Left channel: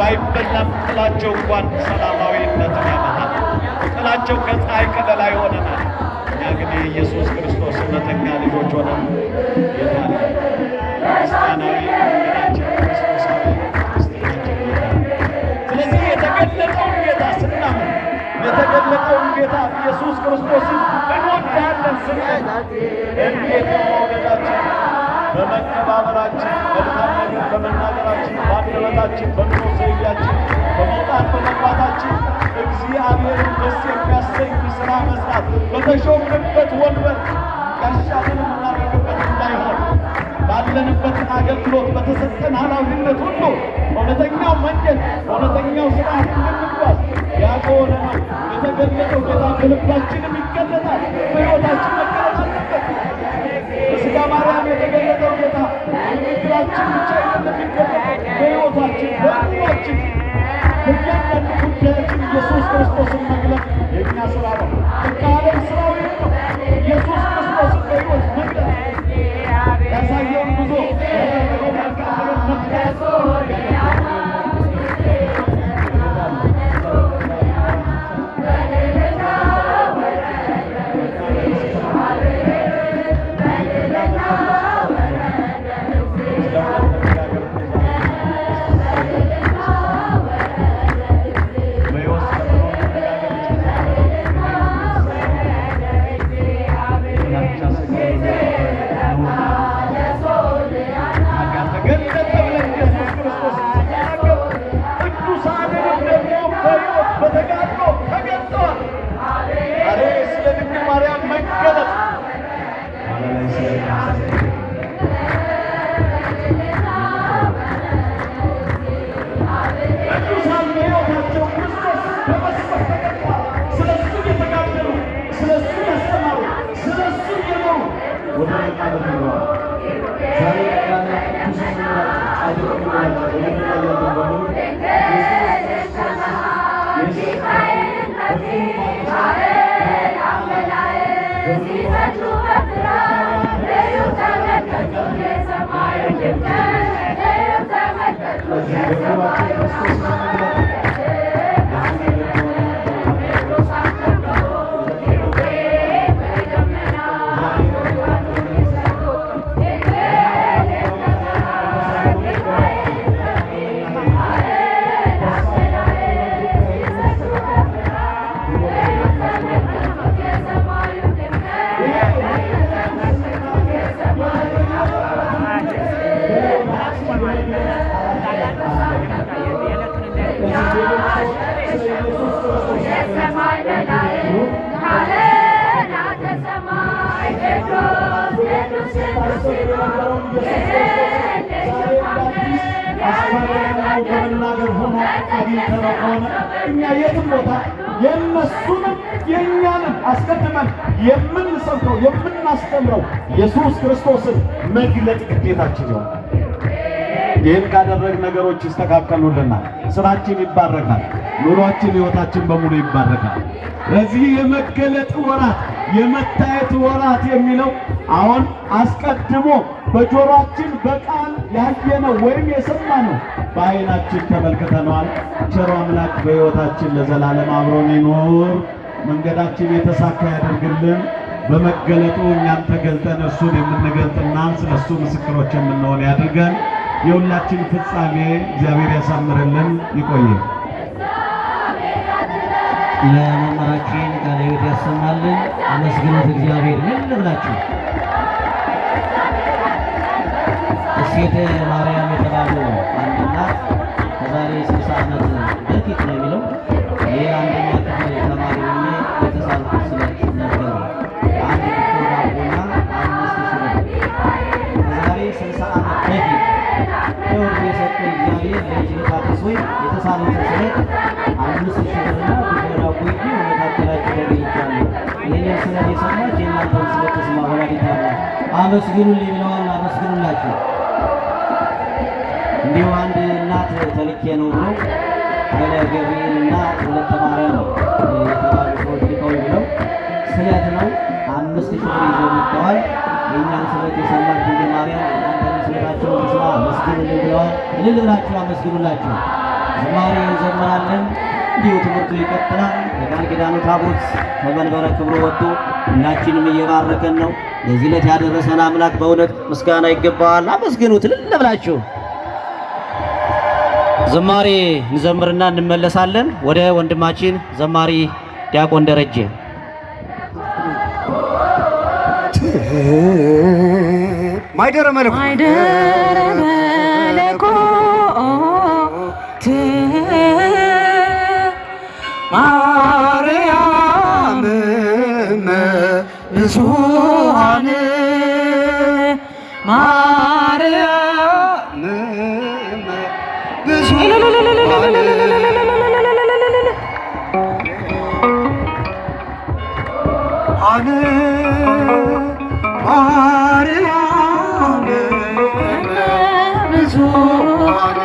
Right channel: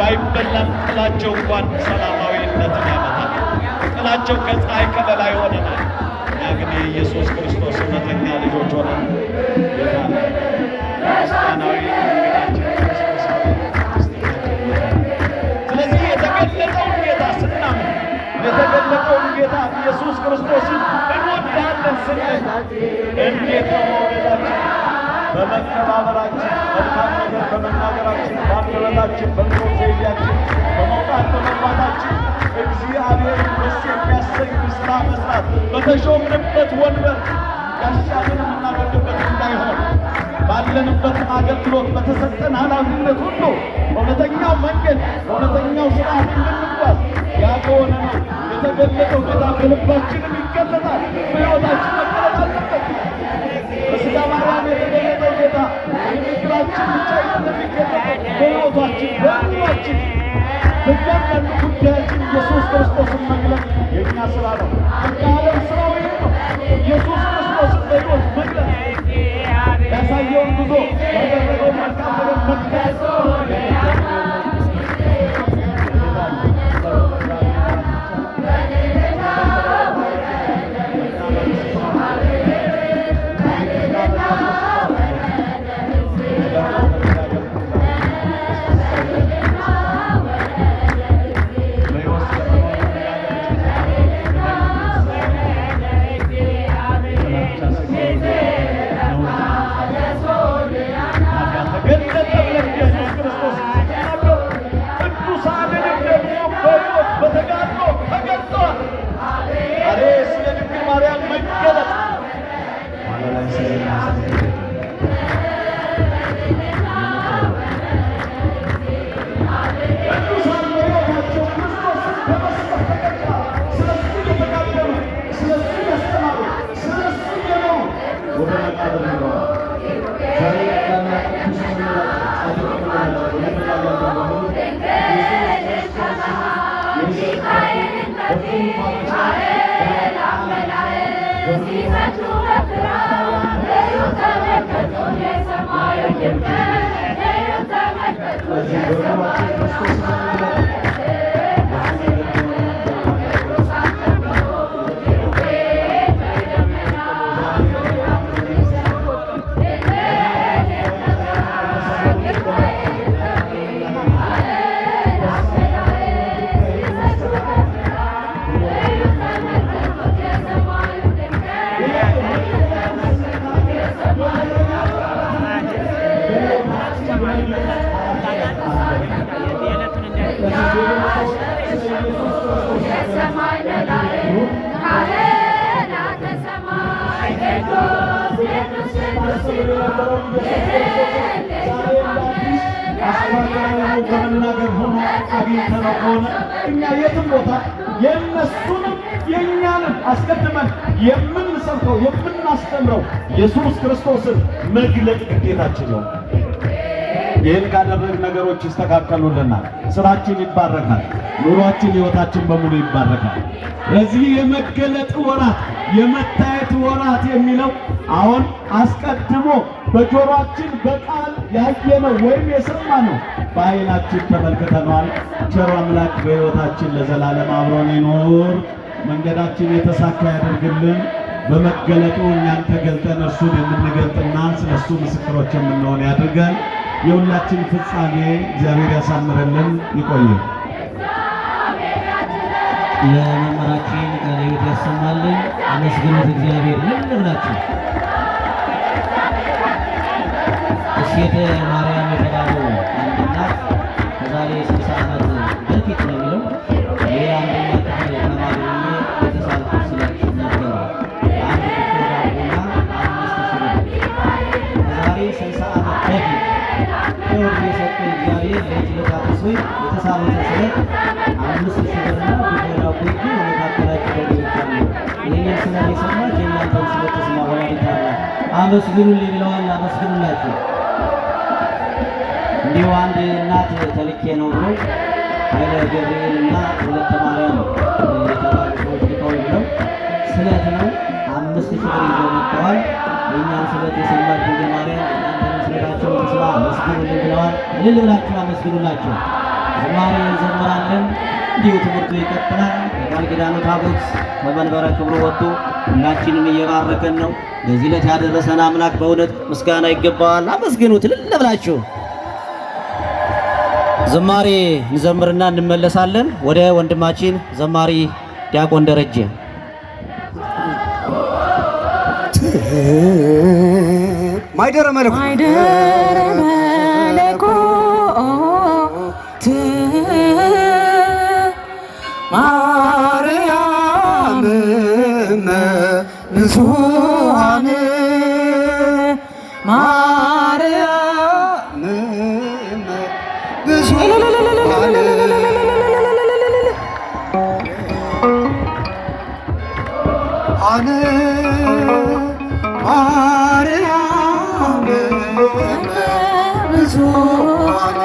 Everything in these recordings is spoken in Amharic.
ባይበላም ጥላቸው እንኳን ሰላማዊነትን ያመጣል። ጥላቸው ከፀሐይ ከለላ ይሆነናል። እኛ ግን የኢየሱስ ክርስቶስ እውነተኛ ልጆች ሆነን የታለ ክርስቲያናዊ ስለዚህ የተገለጠውን ጌታ ስናምን የተገለጠውን ጌታ ኢየሱስ ክርስቶስን እንወዳለን ስንል እንዴት ነው መውደዳችን? በመከባበራችን፣ መልካም ነገር በመናገራችን፣ በአንደበታችን፣ በኑሮ ዘይቤያችን፣ በመውጣት በመግባታችን እግዚአብሔርን ደስ የሚያሰኝ ሥራ መስራት በተሾምንበት ወንበር ያሻንን የምናደርግበት እንዳይሆን ባለንበት አገልግሎት በተሰጠን ኃላፊነት ሁሉ እውነተኛው መንገድ እውነተኛው ሥርዓት እንድንጓዝ ያ ከሆነ ነው የተገለጠው ጌታ በልባችንም ይገለጣል፣ በሕይወታችን መገለጥ አለበት። በሥጋ ማርያም የተገለጠው ጌታ በንግግራችን ብቻ የሚገለጠው በሕይወታችን በኑሯችን በእያንዳንዱ ጉዳያችን ኢየሱስ ክርስቶስን መግለጥ የእኛ ሥራ ነው። ከዓለም ሥራው ይህ ነው። ኢየሱስ ክርስቶስን በሕይወት መግለጥ ያሳየውን ጉዞ ያደረገው መልካም ነገር መግለጥ ከመናገር ሆኖ አግኝተነው ከሆነ እኛ የትም ቦታ የእነሱንም የእኛንም አስቀድመን የምንሰብከው የምናስተምረው ኢየሱስ ክርስቶስን መግለጥ ግዴታችን ነው። ይህን ካደረግ ነገሮች ይስተካከሉልናል። ስራችን ይባረካል። ኑሯችን፣ ሕይወታችን በሙሉ ይባረካል። ለዚህ የመገለጥ ወራት የመታየት ወራት የሚለው አሁን አስቀድሞ በጆሮአችን በቃል ያየነው ወይም የሰማነው በዓይናችን ተመልክተነዋል። ቸር አምላክ በሕይወታችን ለዘላለም አብሮን ይኖር። መንገዳችን የተሳካ ያደርግልን። በመገለጡ እኛም ተገልጠን እርሱን የምንገልጥና ስለ እሱ ምስክሮች የምንሆን ያድርገን። የሁላችን ፍጻሜ እግዚአብሔር ያሳምረልን። ይቆየን። ለመምህራችን ቃለ ሕይወት ያሰማልን። አመስግኑት እግዚአብሔር። ምን ልብላችሁ? እሴተ ማርያም የተባለው አንድ እናት ከዛሬ 60 ዓመት በፊት ነው የሚለው የአንደኛ ክፍል ተማሪ ሆኜ የተሳልኩት ስላችሁ ነበረ። አንድ ክፍል ዳቦና 5000 ብር ከዛሬ 60 ዓመት በፊት ከወርድ የሰጠ እግዚአብሔር ለጅልታ ተስቦ የተሳሉትን ስለት 5000 ብርና ብድር አቆይቶ በመካከላችሁ ተገኝቻለሁ። ይህንን ስለት የሰማች የእናንተን ስለት ተስማ ወላዲተ አምላክ አመስግኑልኝ ብለዋል። አመስግኑላችሁ። እንዲሁ አንድ እናት ተልኬ ነው ብለው ኃይለ ገብርኤልና ወለተ ማርያም የተባሉ ሰዎች ልከው ብለው ስለት ነው 5000 ብር ይዘው መጥተዋል። የእኛን ስለት የሰማች ድንግል ማርያም እናንተንም ስለታቸውን ስራ አመስግኑልኝ ብለዋል። እልል ብላችሁ አመስግኑላችሁ። ዝማሬ እንዘምራለን። እንዲሁ ትምህርቱ ይቀጥላል። በቃል ኪዳኑ ታቦት ከመንበረ ክብሩ ወጥቶ ሁላችንም እየባረከን ነው። ለዚህ ዕለት ያደረሰን አምላክ በእውነት ምስጋና ይገባዋል። አመስግኑት እልል ብላችሁ። ዝማሬ እንዘምርና እንመለሳለን። ወደ ወንድማችን ዘማሪ ዲያቆን ደረጀ ማይደረ መለኮት ማርያም ብዙኃን ማርያም ብዙኃን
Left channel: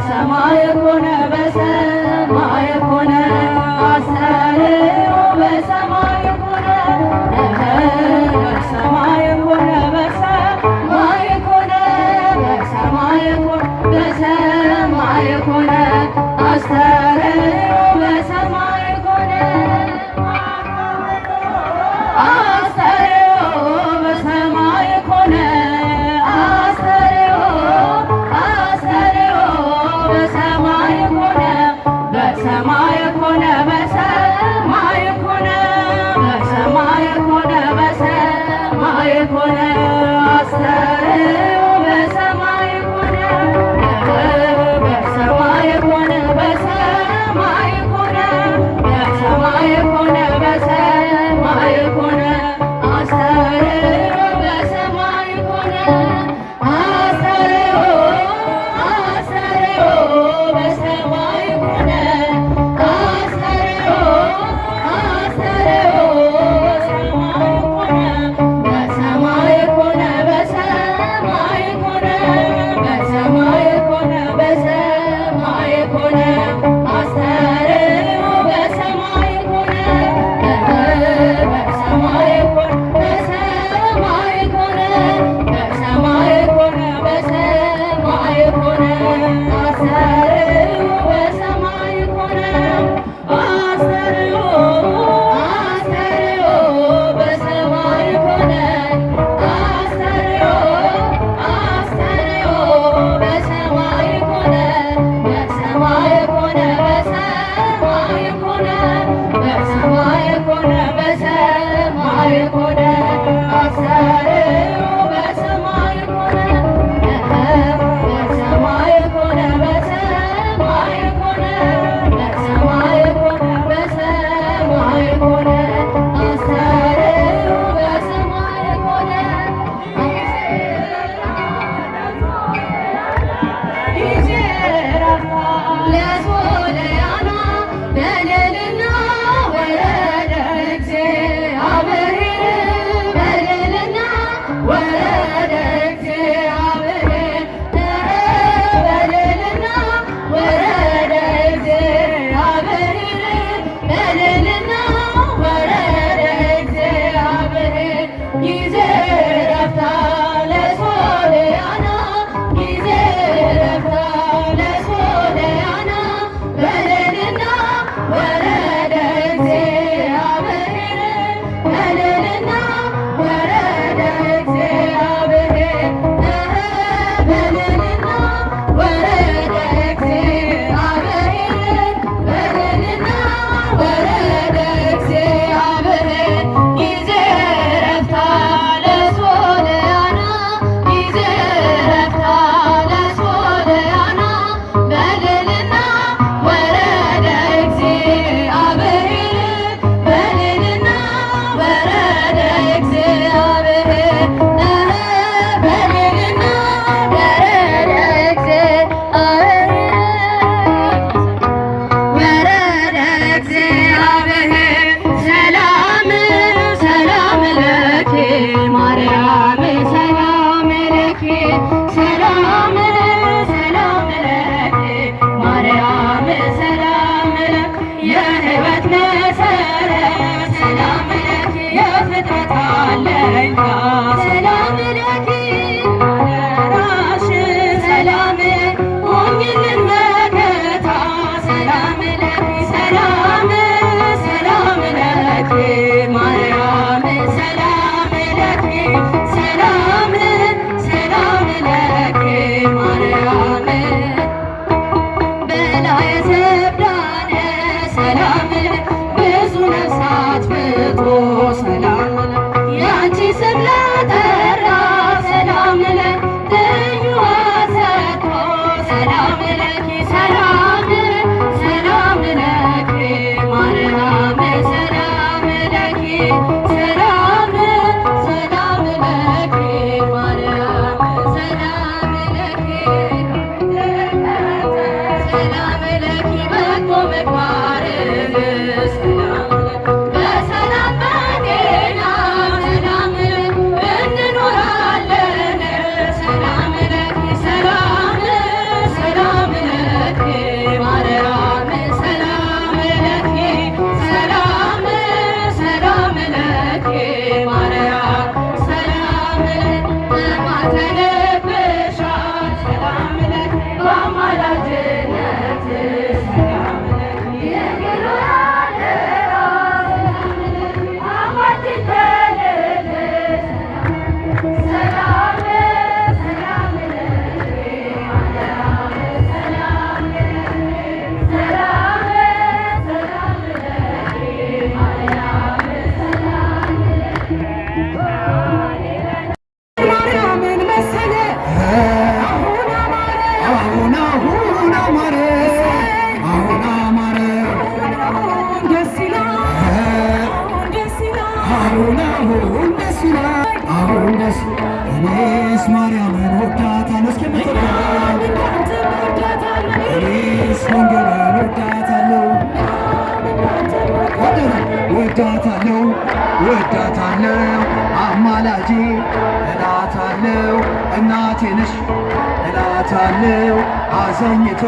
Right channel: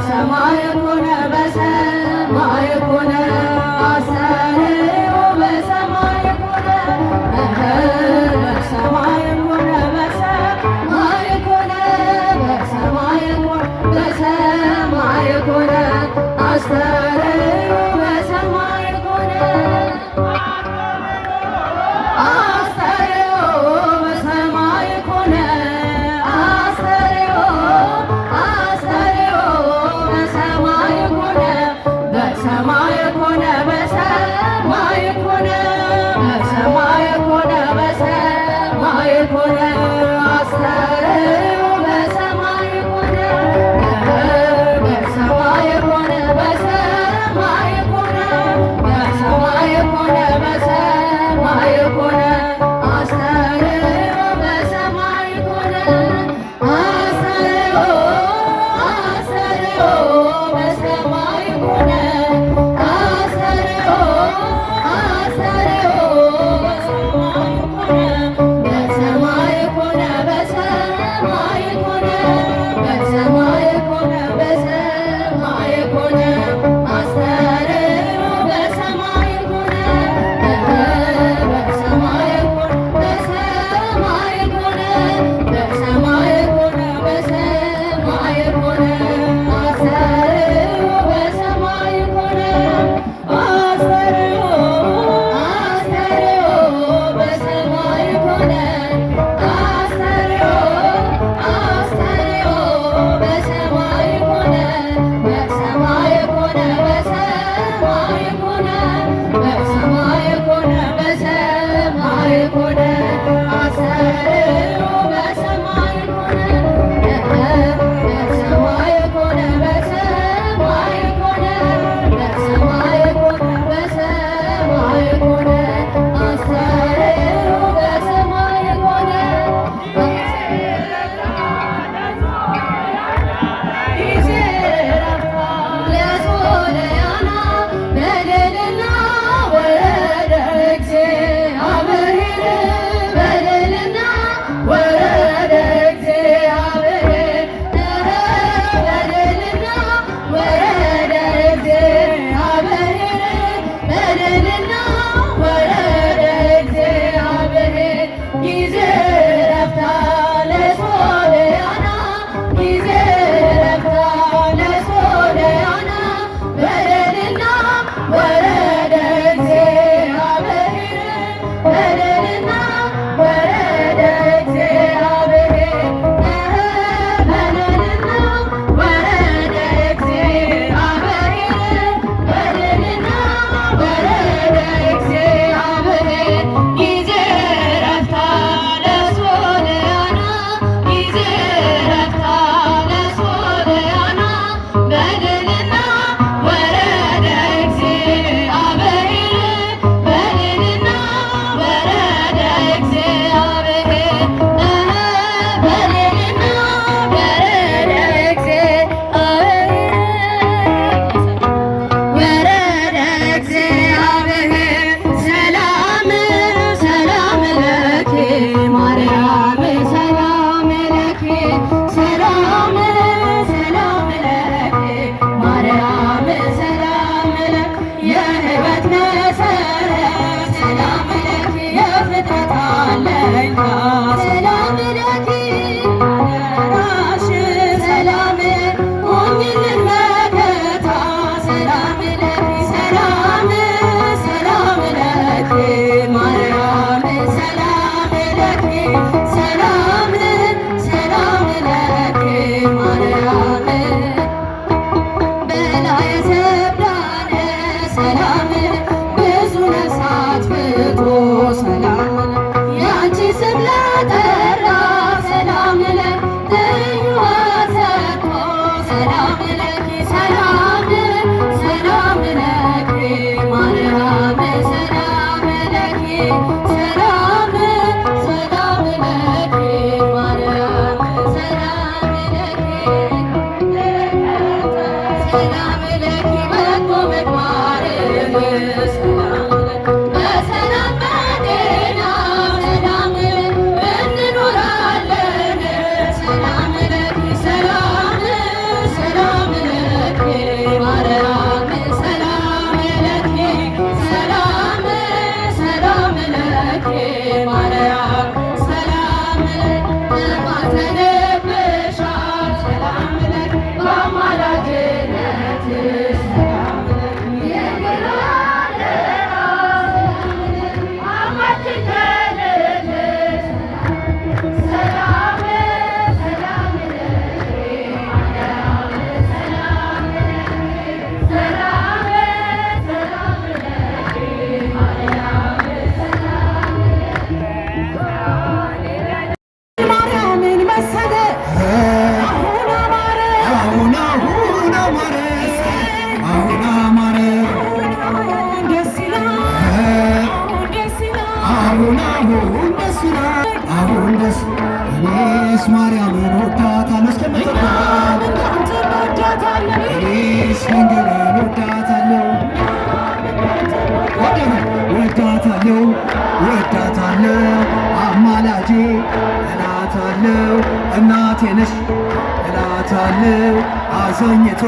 Sama በሰማይ ኮነ አስተርእዮ በሰማይ ኮነ አስተርእዮ በሰማይ ኮነ አስተርእዮ በሰማይ ኮነ በሰማይ ኮነ በሰማይ ኮነ በሰማይ ኮነ በሰማይ ኮነ አስተርእዮ በሰማይ ኮነ በሰማይ ኮነ በሰማይ አሁን አሁን አማረ አሁን አማረ ደስ ይላል ደስ ይላል አሁን አሁን ደስ ይላል አሁን ደስ እኔስ ማርያምን ወዳታለሁ እስከምትወዳት እኔስ ድንግልን ወዳታለሁ ወዳታለሁ ወዳታለሁ አማላጄ እላታለሁ እናቴ ነሽ እላታለሁ አዘኝቷ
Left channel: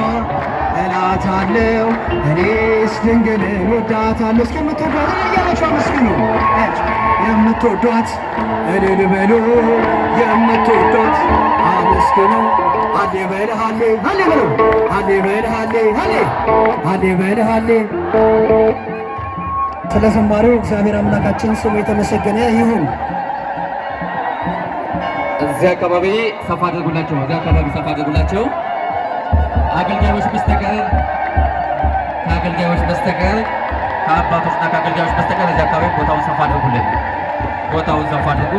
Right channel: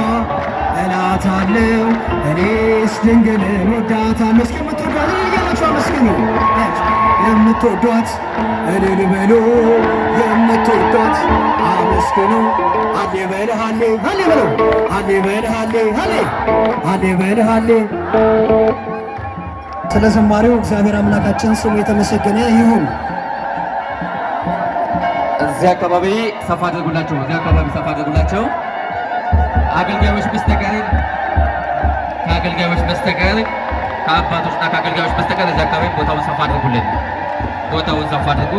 እላታለሁ እኔስ ድንግልን ወዳታለሁ እስከምትወዳት እያላችሁ አመስግኑ የምትወዷት እልል በሉ የምትወዷት አመስግኑ አሌ በል ሃሌ ሃሌ በሉ አሌ በል ሃሌ ሃሌ አሌ በል ሃሌ ስለ ዘማሪው እግዚአብሔር አምላካችን ስሙ የተመሰገነ ይሁን። እዚህ አካባቢ ሰፋ አድርጉላቸው። እዚህ አካባቢ ሰፋ አድርጉላቸው። አገልጋዮች በስተቀር ከአገልጋዮች በስተቀር ከአባቶችና ከአገልጋዮች በስተቀር እዚህ አካባቢ ቦታውን ሰፋ አድርጉልን። ቦታውን ሰፋ አድርጉ።